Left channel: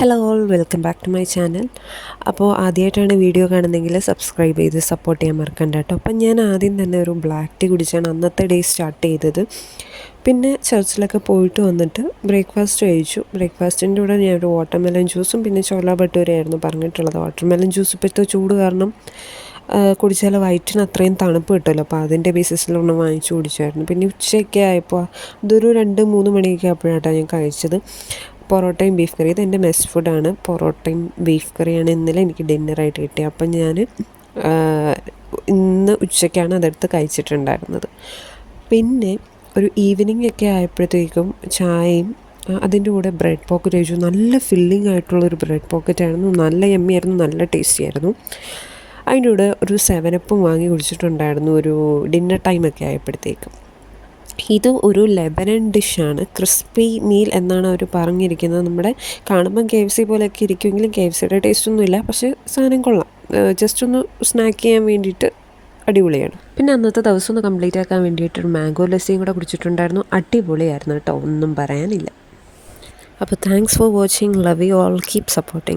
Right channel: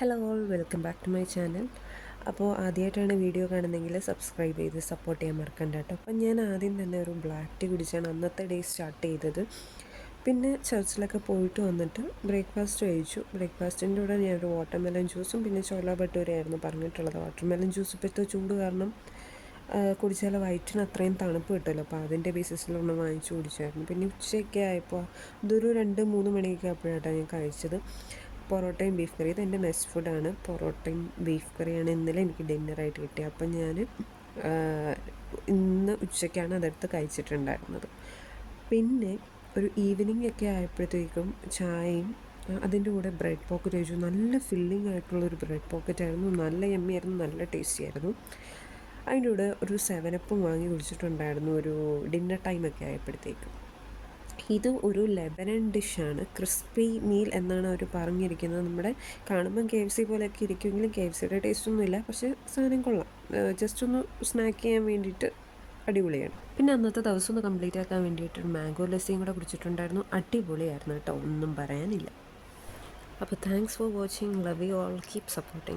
Hello all welcome back to my channel. അപ്പോൾ ആദ്യമായിട്ടാണ് video കാണുന്നതെങ്കിൽ സബ്സ്ക്രൈബ് ചെയ്ത് സപ്പോർട്ട് ചെയ്യാൻ മറക്കണ്ട കേട്ടോ. അപ്പം ഞാൻ ആദ്യം തന്നെ ഒരു ബ്ലാക്ക് ടീ കുടിച്ചാണ് അന്നത്തെ ഡേ സ്റ്റാർട്ട് ചെയ്തത്. പിന്നെ ചർച്ചിലൊക്കെ പോയിട്ട് വന്നിട്ട് ബ്രേക്ക്ഫാസ്റ്റ് കഴിച്ചു. ബ്രേക്ക്ഫാസ്റ്റിൻ്റെ കൂടെ ഞാൻ ഒരു വാട്ടർമെലൺ ജ്യൂസും പിന്നെ ചോല ഭട്ടൂരയായിരുന്നു പറഞ്ഞിട്ടുള്ളത്. വാട്ടർമെലൺ ജ്യൂസ് ഇപ്പോഴത്തെ ചൂട് കാരണം കുടിച്ചാൽ വയറ്റിന് അത്രയും തണുപ്പ് കിട്ടുമല്ലോ, അപ്പോൾ അതിൻ്റെ ബേസിസിലൊന്ന് വാങ്ങിച്ചു കുടിച്ചായിരുന്നു. പിന്നെ ഉച്ചയൊക്കെ ആയപ്പോൾ ഇതൊരു 2-3 മണിയൊക്കെ ആയപ്പോഴാണ് ഞാൻ കഴിച്ചത്. പൊറോട്ടയും ബീഫ് കറി, ഇതെൻ്റെ മെസ് ഫുഡാണ്. പൊറോട്ടയും ബീഫ് കറിയാണ് ഇന്നലെ എനിക്ക് ഡിന്നറായിട്ട് കിട്ടിയത്. അപ്പം ഞാൻ ഇന്ന് ഉച്ചയ്ക്കാണ് അതെടുത്ത് കഴിച്ചിട്ടുണ്ടായിരുന്നത്. പിന്നെ ഒരു ഈവനിങ് ഒക്കെ ആയപ്പോഴത്തേക്കും ചായയും അതിൻ്റെ കൂടെ ബ്രെഡ് പോക്കറ്റ് കഴിച്ചു. നല്ല ഫില്ലിംഗ് ആയിട്ടുള്ളൊരു ബ്രെഡ് പോക്കറ്റ് ആയിരുന്നു. നല്ല യമ്മിയായിരുന്നു, നല്ല ടേസ്റ്റി ആയിരുന്നു. അതിൻ്റെ കൂടെ ഒരു 7-അപ്പും വാങ്ങി കുടിച്ചിട്ടുണ്ടായിരുന്നു ഒരു ഡിന്നർ ടൈമൊക്കെ ആയപ്പോഴത്തേക്കും. ഇത് ഒരു ലെബനൻ ഡിഷാണ്. ക്രിസ്പി മീൽ എന്നാണ് അവർ പറഞ്ഞിരിക്കുന്നത്. നമ്മുടെ കാണുമ്പം KFC പോലെയൊക്കെ ഇരിക്കുമെങ്കിലും KFCയുടെ ടേസ്റ്റൊന്നുമില്ല, പക്ഷേ സാധനം കൊള്ളാം. ജസ്റ്റ് ഒന്ന് സ്നാക്ക് ചെയ്യാൻ വേണ്ടിയിട്ട് അടിപൊളിയാണ്. പിന്നെ അന്നത്തെ ദിവസം ഒന്ന് കംപ്ലീറ്റ് ആക്കാൻ വേണ്ടിയിട്ടൊരു മാംഗോ ലസ്സിയും കൂടെ കുടിച്ചിട്ടുണ്ടായിരുന്നു. അടിപൊളിയായിരുന്നു കേട്ടോ, ഒന്നും പറയാനില്ല. അപ്പോൾ thanks for watching. Love you all. Keep supporting.